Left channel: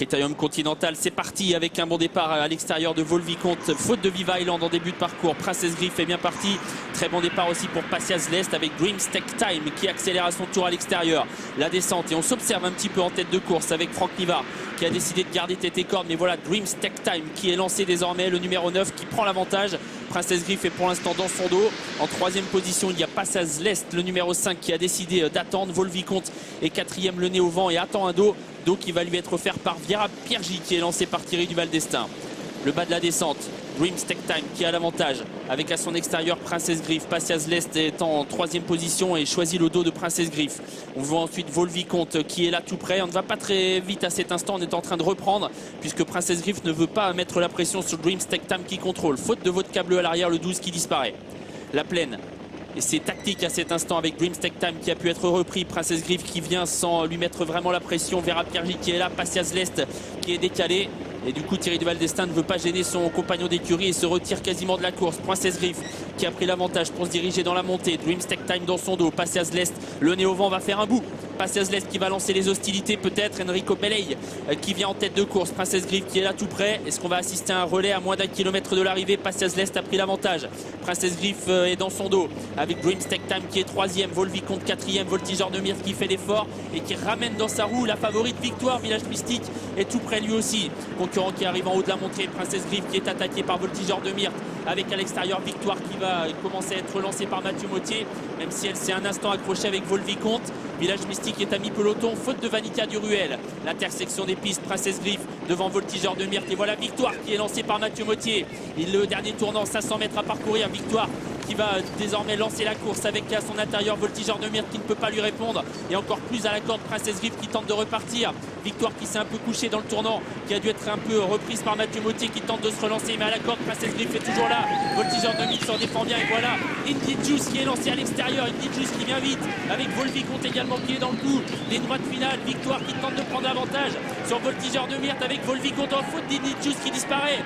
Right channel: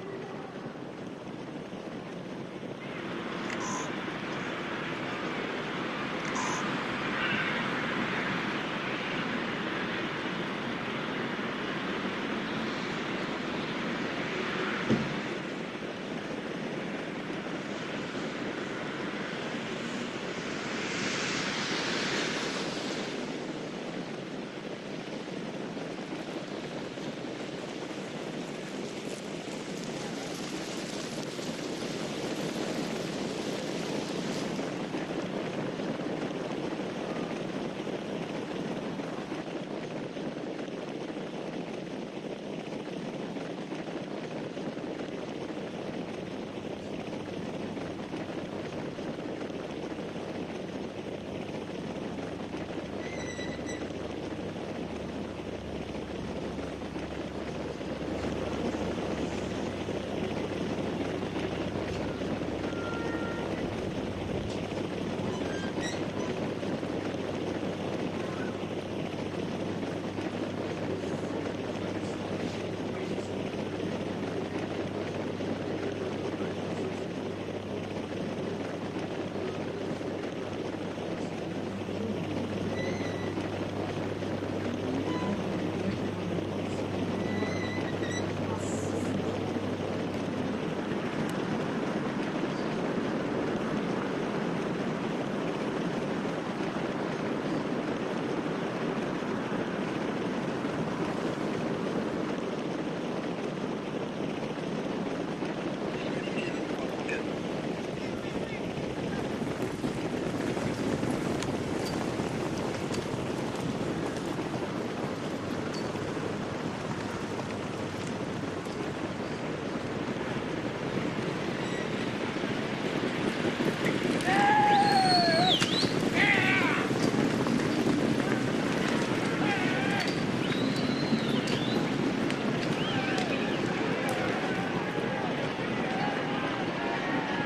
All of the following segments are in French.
Critérium Continental, c'est parti avec un bon départ à l'extérieur de Volvicomte. Faute de Viva Island en début de parcours. Princess Griff est bien parti. Très bon départ aussi pour Patias Lest avec Dreams Tech Time qui accélère à son tour à l'extérieur. La descente et on s'observe un petit peu en tête de course avec Franck Nivard qui a décidé de garder tête et corde. Mais voilà, Dreams Tech Time qui est lancé désormais, le numéro 9 qui prend l'avantage. Princess Griff est pour l'instant dans son dos. En troisième position, il y a Patias Lest, le numéro 5 qui a décidé d'attendre. Volvicomte est quatrième, le nez au vent et attend un dos qui va lui être offert par Viera Piergi qui est lancé par Thierry Duval d'Estaing. Le bas de la descente, Dreams Tech Time qui a l'avantage avec à son extérieur Princess Griff. Patias Lest est en troisième position et choisit le dos de Princess Griff. On voit ensuite Volvicomte qui est là tout près. On ne va pas très vite à cet instant, on est en train de reprendre puisque Princess Griff ne veut pas mettre la pression sur Dreams Tech Time qui contrôle. Faute de votre câble à l'arrière, le 12 qui disparaît. La plaine. Et c'est tactique à cet instant avec Dreams Tech Time qui a pu être repris. Princess Griff qui vient sans lui mettre vraiment la pression. Viera Piergi qui est là. Patias Lest qui est décalé. Et du coup Thierry Duval d'Estaing ne veut pas gêner son compagnon d'écurie et se retire quasiment de la course. Princess Griff qui a pris l'avantage pour se diriger dans la montée. Dreams Tech Time dans son dos. Patias Lest, le nez au vent, va faire un bout. Patias Lest qui va lancer les hostilités peut-être. Enrico Beley qui vient en tête de course. Princess Griff qui est là tout près. Est-ce qu'on va assister à un relais à moins d'1 kilomètre de l'arrivée? Patias Lest a pris l'avantage. Princess Griff est dans son dos avec Dreams Tech Time qui est troisième. Volvicomte quatrième. Voltigeur de Myrte qui fait l'effort et qui ramène dans sa roue la favorite Victoire. Village Mystique est tout près lui aussi. Concurrent qui arrive en haut de la montée. Princess Griff qui est attaqué par Voltigeur de Myrte avec à l'extérieur Victoire qui va commencer à être relancée par Mathieu Mottier, même si elle s'est un instant accrochée avec Volvicomte. Village Mystique est à mi-peloton, faute de Vanita Duruel. L'intersection des pistes, Princess Griff devant Voltigeur de Myrte. Et voilà Victoire qui est lancée par Mathieu Mottier. Le dernier tournant, 500 mètres à parcourir. Victoire qui va désormais lancer la course avec à son intérieur Voltigeur de Myrte qui ne peut pas lui répondre. Et encore plus à la corde Princess Griff qui tente de repartir. Victoire qui s'est un peu couchée dans le tournant, qui a dû être un peu reprise par Mathieu Mottier qui tente de se relancer. Mais à la corde, Princess Griff est toujours là. Voltigeur de Myrte s'en défend bien. Et voilà Indy Juice qui est lancé à l'extérieur. Indy Juice qui vient vite avec Volvicomte également qui est dans le coup. Ligne droite finale. Victoire qui tente de prendre avantage sur Voltigeur de Myrte avec Volvicomte en faute d'Indy Juice qui disparaît.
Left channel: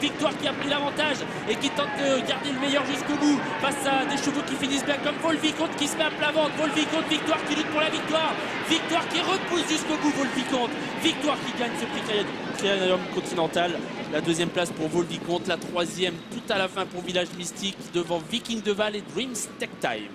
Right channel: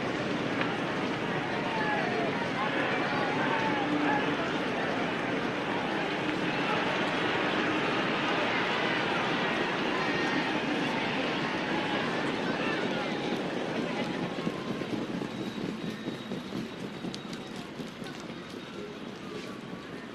Victoire qui a pris l'avantage et qui tente de garder le meilleur jusqu'au bout face à des chevaux qui finissent bien comme Volvicomte qui se met à plat ventre. Volvicomte, Victoire qui lutte pour la victoire. Victoire qui repousse jusqu'au bout Volvicomte. Victoire qui gagne ce Critérium Continental. La deuxième place pour Volvicomte, la troisième tout à la fin pour Village Mystique devant Viking de Val et Dreams Tech Time.